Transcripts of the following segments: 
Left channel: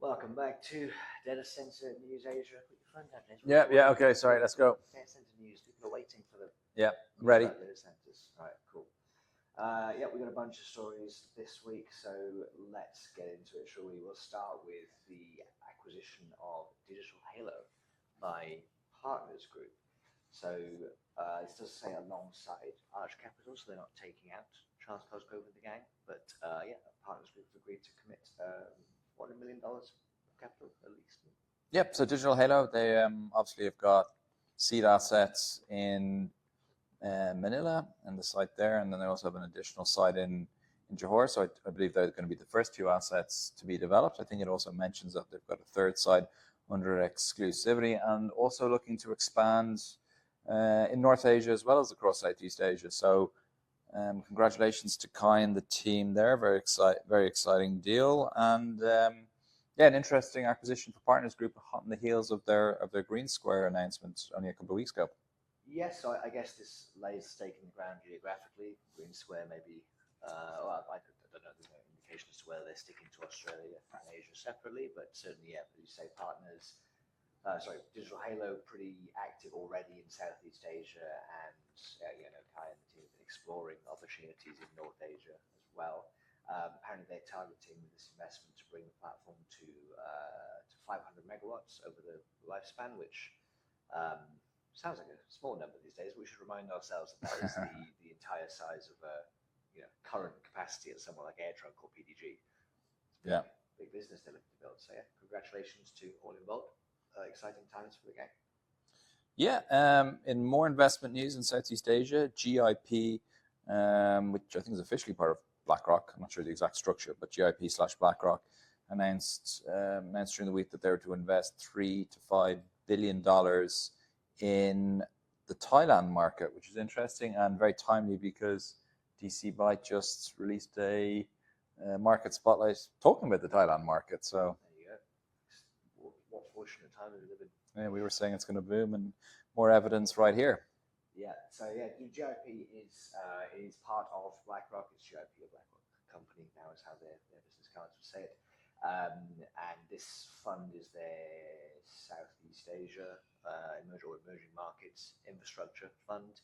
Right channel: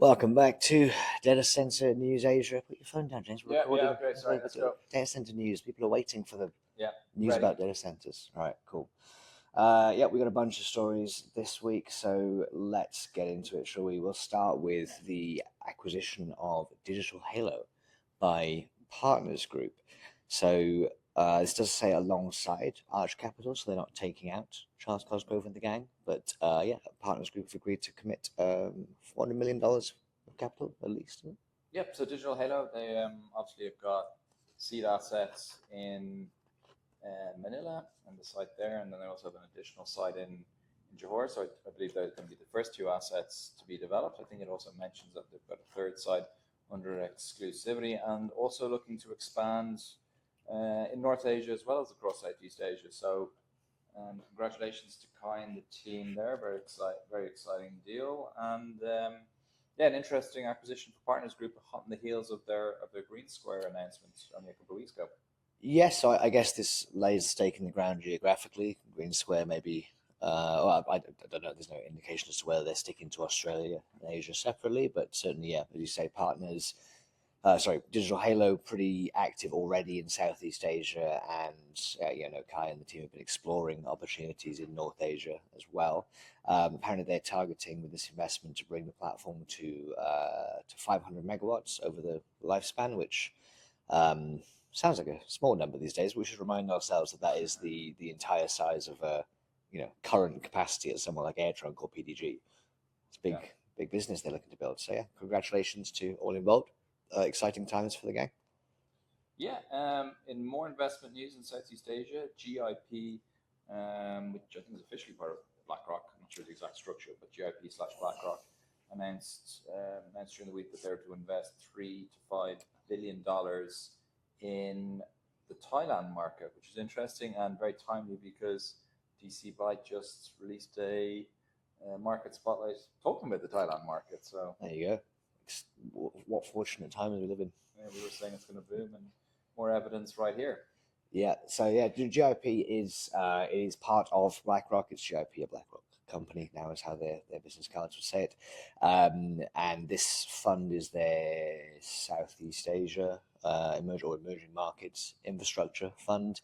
Welcome back to Data Center News Asia. Put your phone down, James. Yeah, okay, sorry, let's go. Data Center News. People are waiting for the news ready. about data centers. All right, cool. We got a bunch of stories this week, so let's get into it, shall we? We'll start with the acquisition of Digital Halo by Partners Group. So this does say alongside Arch Capital, so they're not taking out Charles Cosgrove and the gang, but Partners Group have agreed to commit $400 million of capital at least. Yep, so Digital Halo, they obviously have got seed assets in Manila and the site there, and then they also have an additional site in Johor, so I believe they're going to be the first two assets to be developed. I think it also mentions that they've got a third site under exclusivity and also looking to expand in North Asia as well as across Southeast Asia. So congratulations to Kai and the team there. Very exciting deal, and an interesting acquisition for Partners Group, hot on the heels of their Green Square announcement only a couple of weeks ago. Yes, so I guess this lays a stake in the ground geographically. Green Square maybe. I don't know. There's no indication as to whether they're sticking to Australia and Asia separately, but certainly, as you say, Partners. Digital Halo pretty active already in Southeast Asia, and Kai and the team have been exploring opportunities in North Asia as well. Apparently, they're targeting with this investment to bring the platform to 500 megawatts over the lifespan, which sounds like a small number these days. We should remind ourselves that is the entire size of a current capacity at someone like AirTrunk or PDG. It's big business they're looking to build. So congratulations to all involved. Exciting times for the gang. In more investment news in Southeast Asia, GIP, which I think is officially part of BlackRock, I'm not sure the exact structure, but GIP/BlackRock announced during the week that they were to invest $3 to $5 billion in the Thailand market, which is interesting and very timely because DC Byte just released a market spotlight talking about the Thailand market. So there you go. What fortunate time we live in. Yeah, we were saying it's going to boom, and more evidence right here. GIP is part of BlackRock. It's GIP, a BlackRock company now, is how their business cards would say it. And this fund is their Southeast Asia emerging markets infrastructure fund.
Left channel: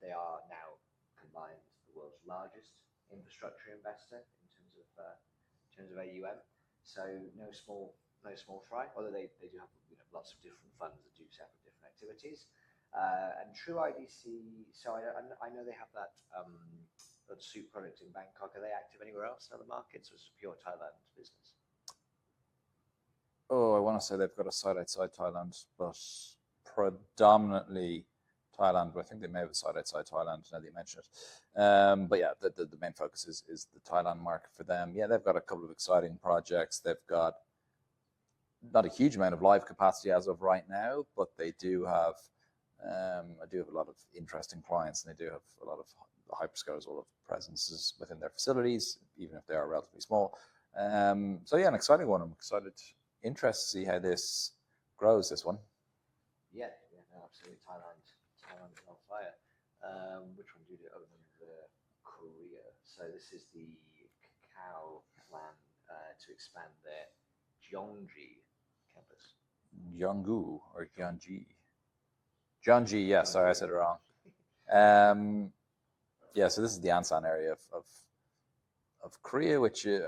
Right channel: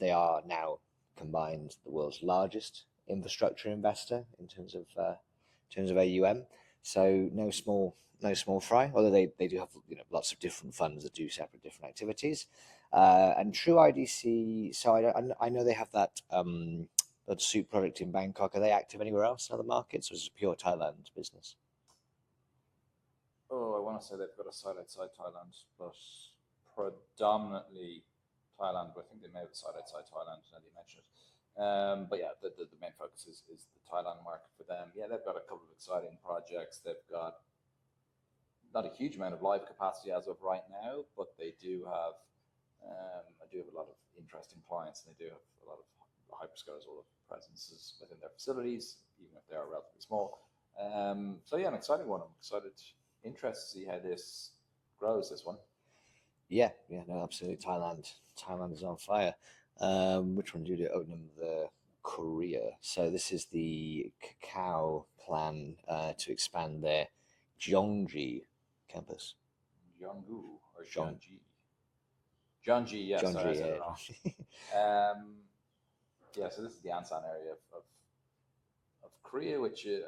They are now combined the world's largest infrastructure investor in terms of AUM. So no small fry, although they do have lots of different funds that do separate different activities. And True IDC, so I know they have that suit product in Bangkok. Are they active anywhere else in other markets, or is it a pure Thailand business? I want to say they've got a site outside Thailand, but predominantly Thailand. But I think they may have a site outside Thailand now that you mention it. The main focus is the Thailand market for them. Yeah, they've got a couple of exciting projects. They've got not a huge amount of live capacity as of right now, but they do have a lot of interesting clients, and they do have a lot of hyperscalers, all of presences within their facilities, even if they are relatively small. An exciting one. I'm interested to see how this grows, this one. Absolutely. Thailand is on fire. Which one do you do? Number Korea. So this is the Kakao plan to expand their Gyeonggi campus. Gyeonggu or Gyeonggi? Gyeonggi, yes, sorry, I said it wrong. So this is the Ansan area of Korea, which is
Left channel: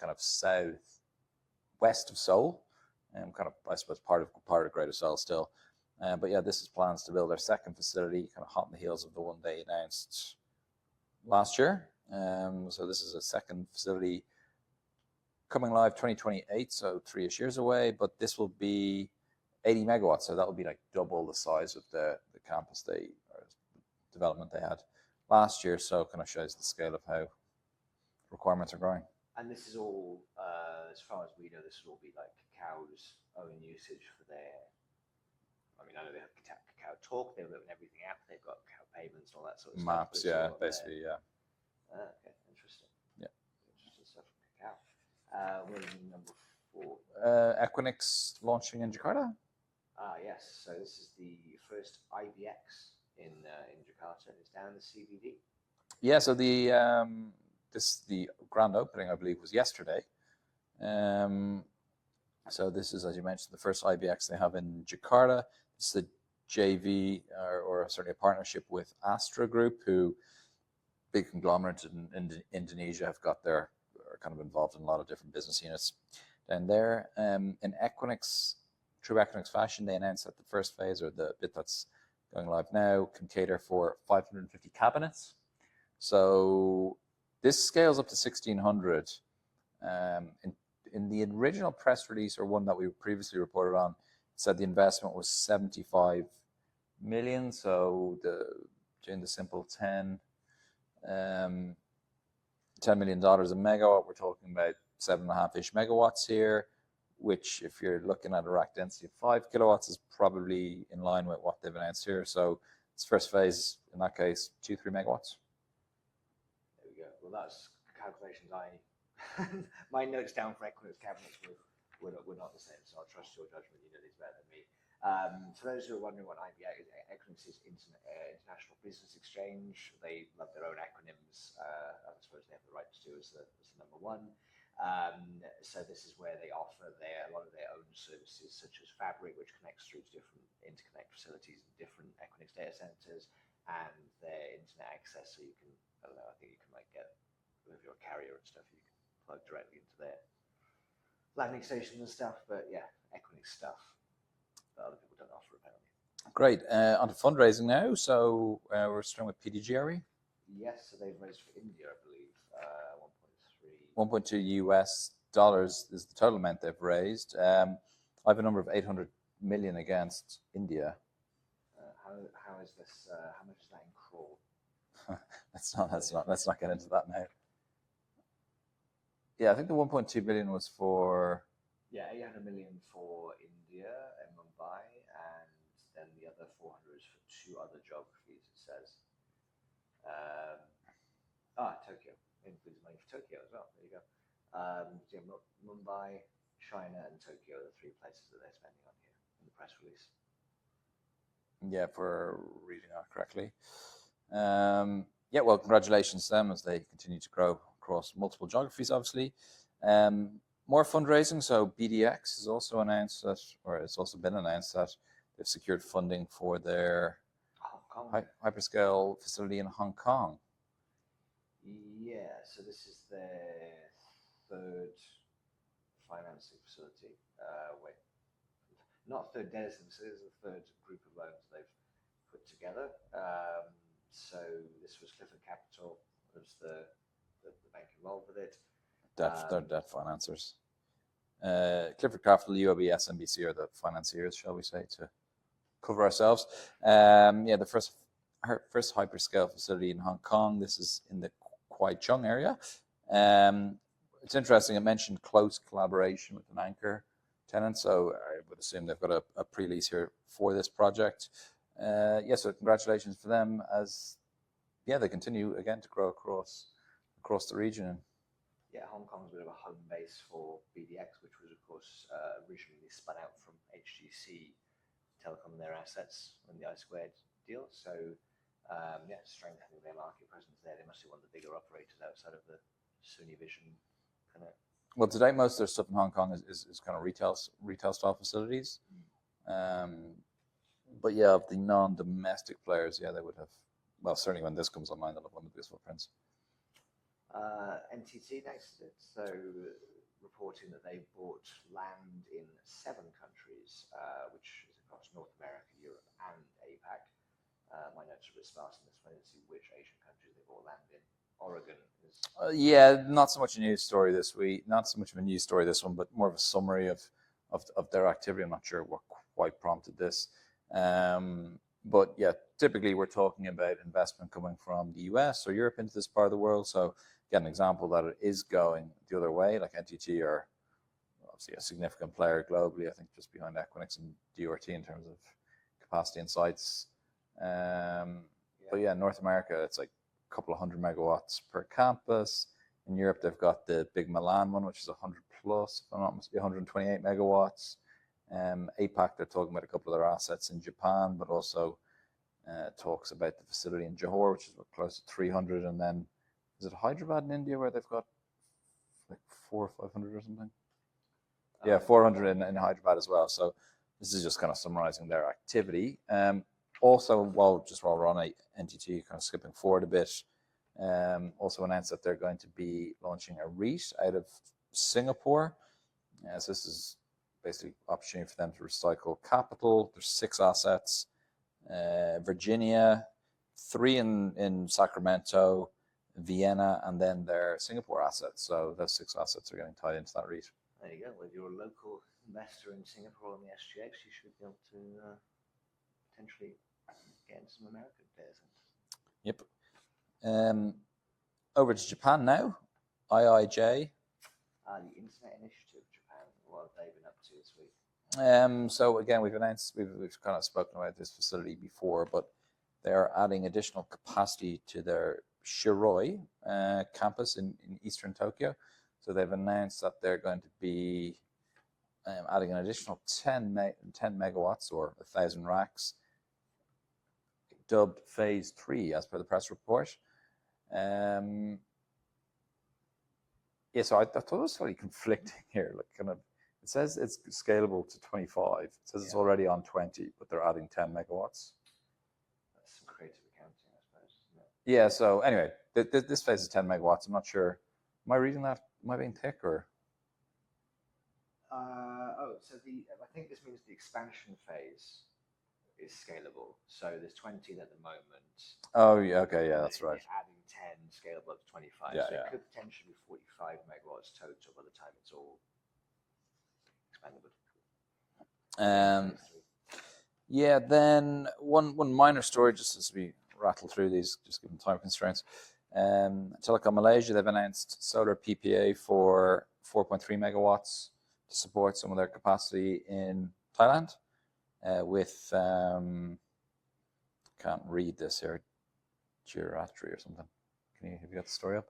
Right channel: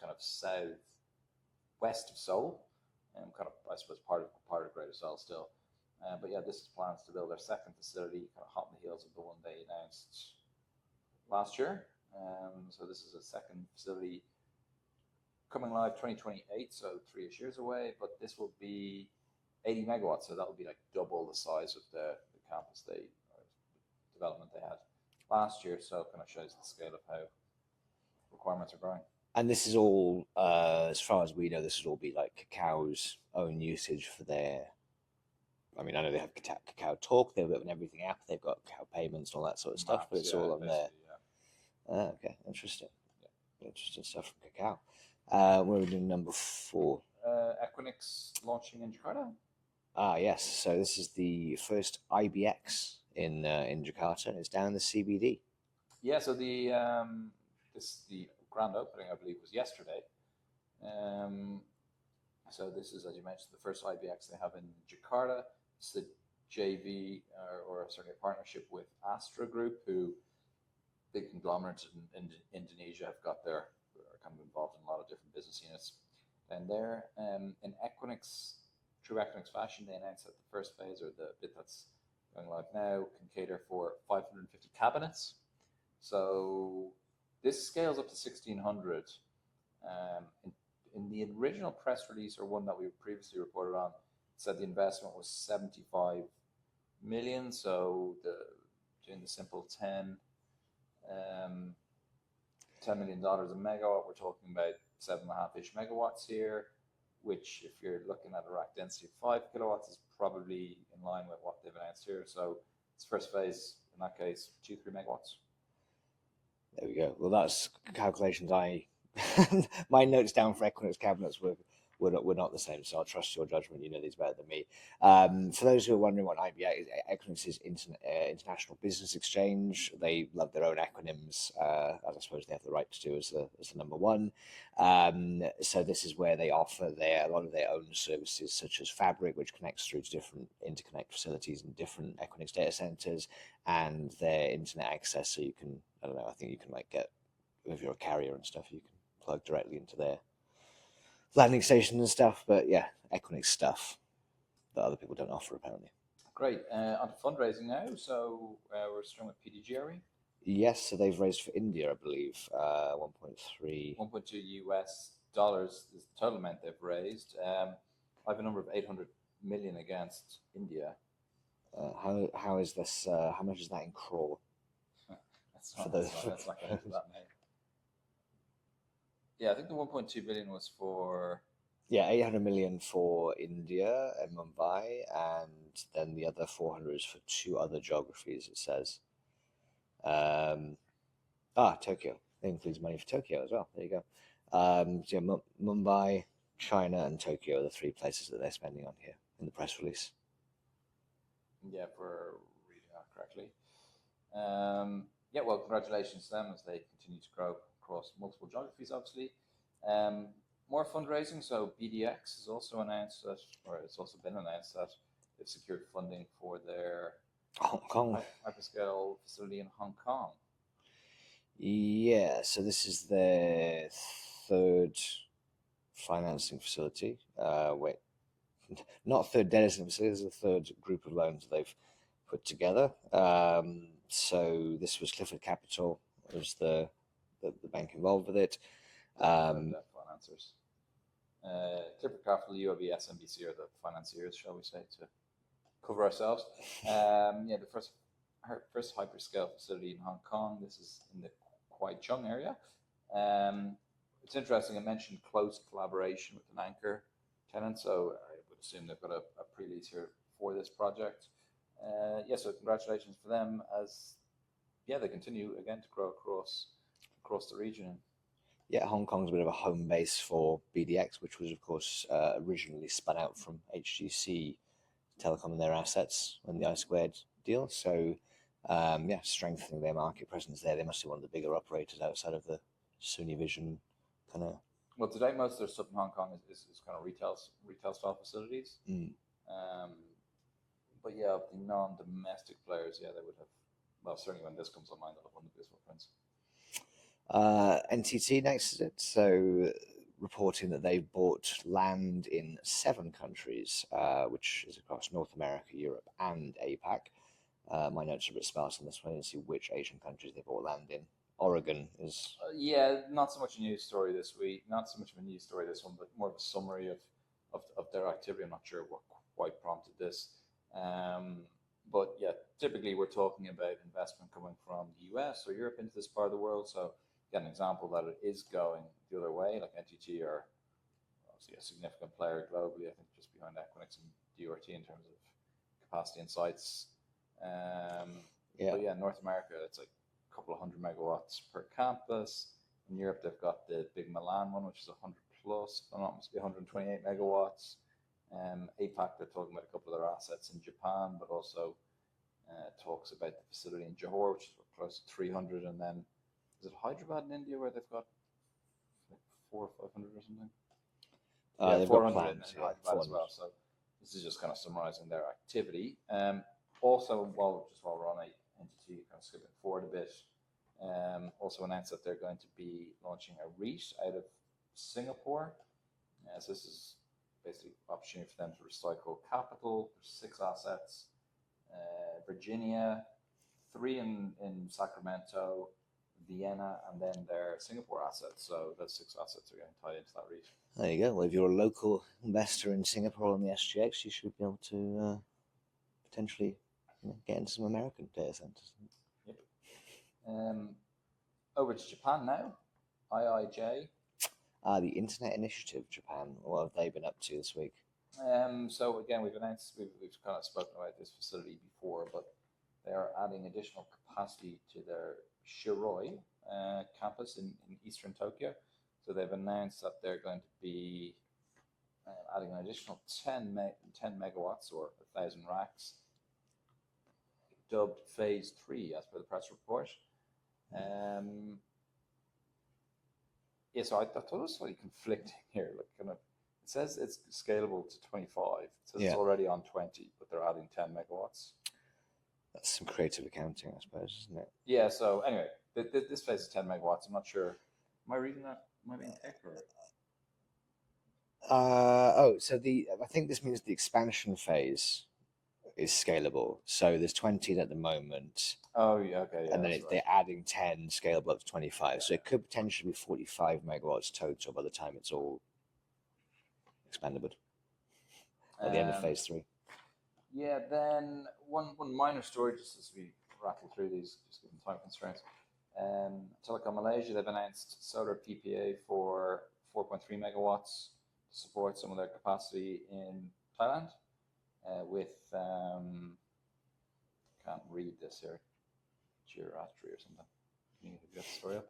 kind of southwest of Seoul, and kind of, I suppose, part of Greater Seoul still. This is plans to build their second facility, kind of hot on the heels of the one they announced last year. So this is a second facility coming live 2028, so 3-ish years away. But this will be 80 megawatts, so that will be like double the size of the campus development they had last year. So it kind of shows the scale of how requirements are growing. And this is all, as far as we know, this will all be like Kakao's own usage for their. I mean, I know they have Kakao Talk, they have a bit of an everything app, they've got Kakao Payments and all that sort of stuff, but it's all on there. Okay, interesting. Yeah. Interesting stuff from Kakao. We're in number 4. Equinix launching in Jakarta? Yes. So this is the first IBX in Jakarta, and it's down in the CBD. Yeah, so the grand opening, I believe, was yesterday. So this is, as you mentioned, the first IBX they have in Jakarta. It's the JV or certainly a partnership with Astra Group, who big conglomerates in Indonesia have got are kind of involved in a lot of different business units down there. In Equinix, true Equinix fashion, they announced that the first phase, or the bit that's going live now, can cater for 550 cabinets. So this scales up to 1,600. In the original press release, or one that we previously reported on, it said the investment was 75 million. So doing the simple $10 million a megawatt, we're talking about 7.5-ish megawatts here, which if you're looking at a rack density of 5 kilowatts is probably in line with what they've announced here. So it's first phase, in that case, 2-3 megawatts. There we go. Well, that's calculations my notes down for Equinix cabinets were not the same, so I'll trust your judgment. You know these better than me. For those who are wondering what IBX is, Equinix is International Business Exchange. They love their own acronyms, as I suppose they have the right to do as the number one. So this is where they offer a lot of their own services, such as Fabric, which connects through to different interconnect facilities and different Equinix data centers, and their internet access. So you can, I don't know, I think you can get, if you're a carrier and stuff, you can plug directly into their landing station and stuff. But yeah, Equinix stuff that other people don't offer, apparently. Great. On to fundraising now. So we're starting with PDG. Yes, so they've raised for India, I believe, 1.3. 1.2 US dollars is the total amount they've raised. I have a number of 800 million against India. How is this? How much is that in crore? Let's not get into that now. Yeah, I think the 1.2 billion was for... Yeah, 800 million for India and Mumbai, and then the other 400 is for 2 other geographies, it says. Tokyo. It includes money for Tokyo as well. There you go. So yeah, Mumbai, China, and Tokyo are the 3 places that they're spending on here in the press release. Yeah, if we're reading that correctly. Yeah, well, congratulations to them as they continue to grow across multiple geographies, obviously. More fundraising. So BDx has also announced that, or it's also been announced that they've secured funding for their Hong Kong hyperscale facility in Hong Kong. Yeah, so this is their 3rd financing facility. Not 3rd data center facility, this is the 3rd group of loans they've put together. So this was Clifford Capital, was the bank involved with it. Debt financiers. Clifford Capital, UOB, SMBC are the financiers, shall we say, to cover ourselves. Yeah, the first hyperscale facility in Hong Kong. This is in the Kwai Chung area. It's interesting, it mentioned close collaboration with an anchor tenant, so I would assume they've got a pre-lease here for this project. Yeah, so congratulations for them as they continue again to grow across the region. Yeah, Hong Kong's a bit of a home base for BDx, which was, of course, originally spun out from HGC Telecom and their assets on the I-Squared deal. So, strengthening their market presence there. They must be one of the bigger operators outside of the Sony Vision kind of. Well, today most of their stuff in Hong Kong is kind of retail style facilities. But yeah, of the non-domestic players, yeah, they would have. Well, certainly when this comes online, they'll have one of the biggest footprints. NTT next is it. So reporting that they bought land in 7 countries, which is across North America, Europe, and APAC. My notes are a bit sparse on this one. I didn't see which Asian countries they bought land in. Oregon is... yeah, not so much a news story this week. Not so much of a news story this one, but more of a summary of their activity. I'm not sure what quite prompted this. But yeah, typically we're talking about investment coming from the US or Europe into this part of the world. So again, an example that it is going the other way, like NTT are obviously a significant player globally, I think just behind Equinix and DRT in terms of capacity and sites. But yeah, North America, it's like a couple of 100 megawatts per campus. In Europe, they've got the big Milan one, which is 100 plus, if I'm not mistaken, 128 megawatts. APAC, they're talking about a couple of their assets in Japan, but also talks about the facility in Johor, which is close to 300. And then, is it Hyderabad in India where they've got like 400 or 500 or something? Yeah, they've got 400 plans, in yeah, Hyderabad as well. 400. So this is just kind of summarizing their activity. Also, while we're on NTT, kind of skipping forward a bit, also announced that they're going to be launching a REIT out of Singapore. So this is basically opportunity for them to recycle capital. There's 6 assets, Virginia, 3 in Sacramento, Vienna, and then their Singapore assets. So those 6 assets are getting tied into that REIT. There you go. Well, if you're a local investor in Singapore on the SGX, you should be able to potentially get into some American data centers. Yep. Over to Japan now. IIJ. The Internet Initiative, Japan. What have they been up to this week? So again, we've kind of spoken about this facility before, but they're adding additional capacity to their Shiroi campus in eastern Tokyo. So they've announced that they're going to be adding an additional 10 megawatts or 1,000 racks, dubbed Phase 3 as per the press report. Yeah, so I thought it was slightly conflicting here. Like, kind of, it says it's scalable to 25. It says it's already on 20, but they're adding 10 megawatts. That's some creative accounting, I suppose, isn't it? Yeah. So anyway, this phase is 10 megawatts. I'm not sure. Am I reading that? Am I being thick or? So I think this means the expansion phase is scalable. So there's 20 at the moment. Oh, yeah. Okay. Yeah, and that's right. They're adding 10, scalable up to 25. Yeah, so it could potentially be 45 megawatts total by the time it's all expandable. Phase 3. Yeah. Then one minor story, just as we rattle through these, just given time constraints. Telecom Malaysia, they've announced solar PPA for 4.3 megawatts to support some of their capacity in Thailand. With can't read this here, Giratri or something. Have you got the story up?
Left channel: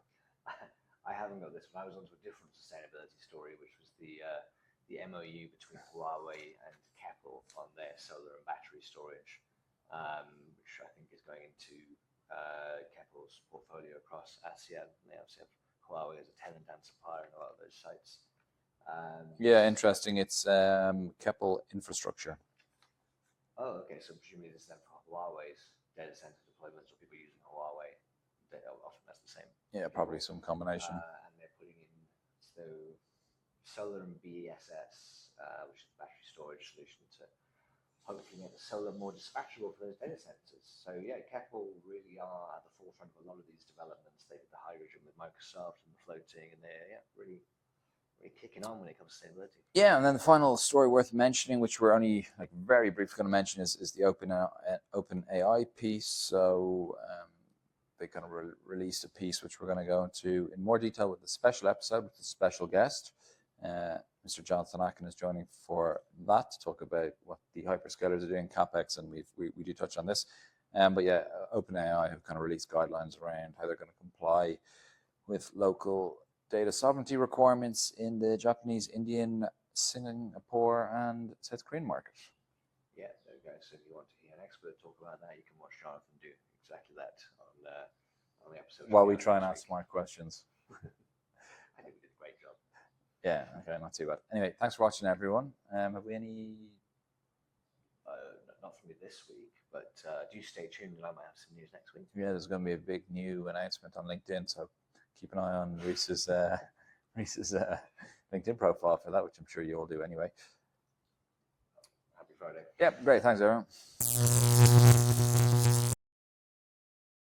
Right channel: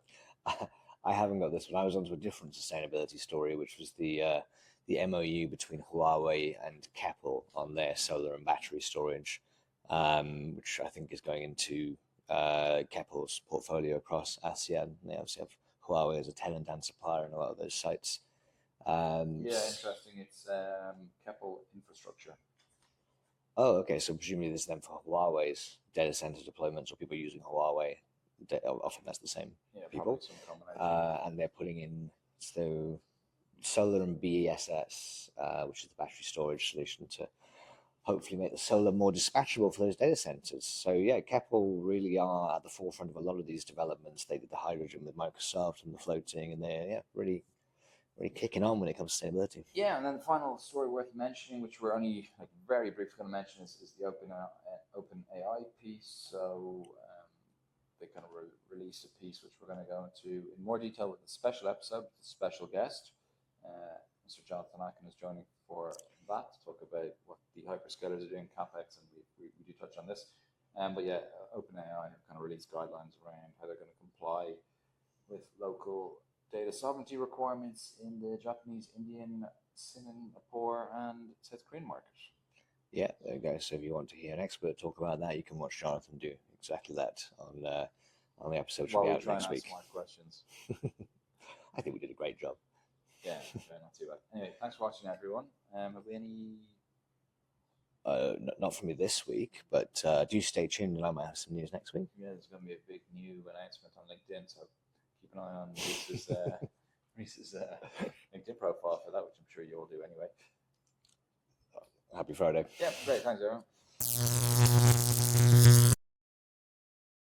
I haven't got this one. I was onto a different sustainability story, which was the MOU between Huawei and Keppel on their solar and battery storage, which I think is going into Keppel's portfolio across ASEAN. They obviously have Huawei as a tenant and supplier in a lot of those sites. Yeah, interesting. It's Keppel Infrastructure. Oh, okay. So presumably this is then for Huawei's data center deployments or people using Huawei. Often that's the same. Yeah, people. probably some combination. And they're putting in solar and BESS, which is the battery storage solution to hopefully make the solar more dispatchable for those data centers. So yeah, Keppel really are at the forefront of a lot of these developments. They did the hydrogen with Microsoft and the floating, and they're really kicking on when it comes to sustainability. Yeah, and then the final story worth mentioning, which we're only like very briefly going to mention, is the OpenAI piece. So they kind of released a piece which we're going to go into in more detail with a special episode with a special guest. Mr. Jonathan Akin is joining for that to talk about what the hyperscalers are doing, CapEx, and we do touch on this. But yeah, OpenAI have kind of released guidelines around how they're going to comply with local data sovereignty requirements in the Japanese, Indian, Singapore, and South Korean market. Yeah, there you go. So if you want to hear an expert talk about that, you can watch Jonathan do exactly that on the episode. While we try and ask smart questions. I think we did a great job. Yeah, okay, not too bad. Anyway, thanks for watching, everyone. Have we any? Not from me this week, but do stay tuned, and I might have some news next week. Yeah, there's going to be a big new announcement on LinkedIn, so keep an eye on Rhys's LinkedIn profile for that, which I'm sure you all do anyway. Happy Friday. Yeah, great. Thanks, everyone.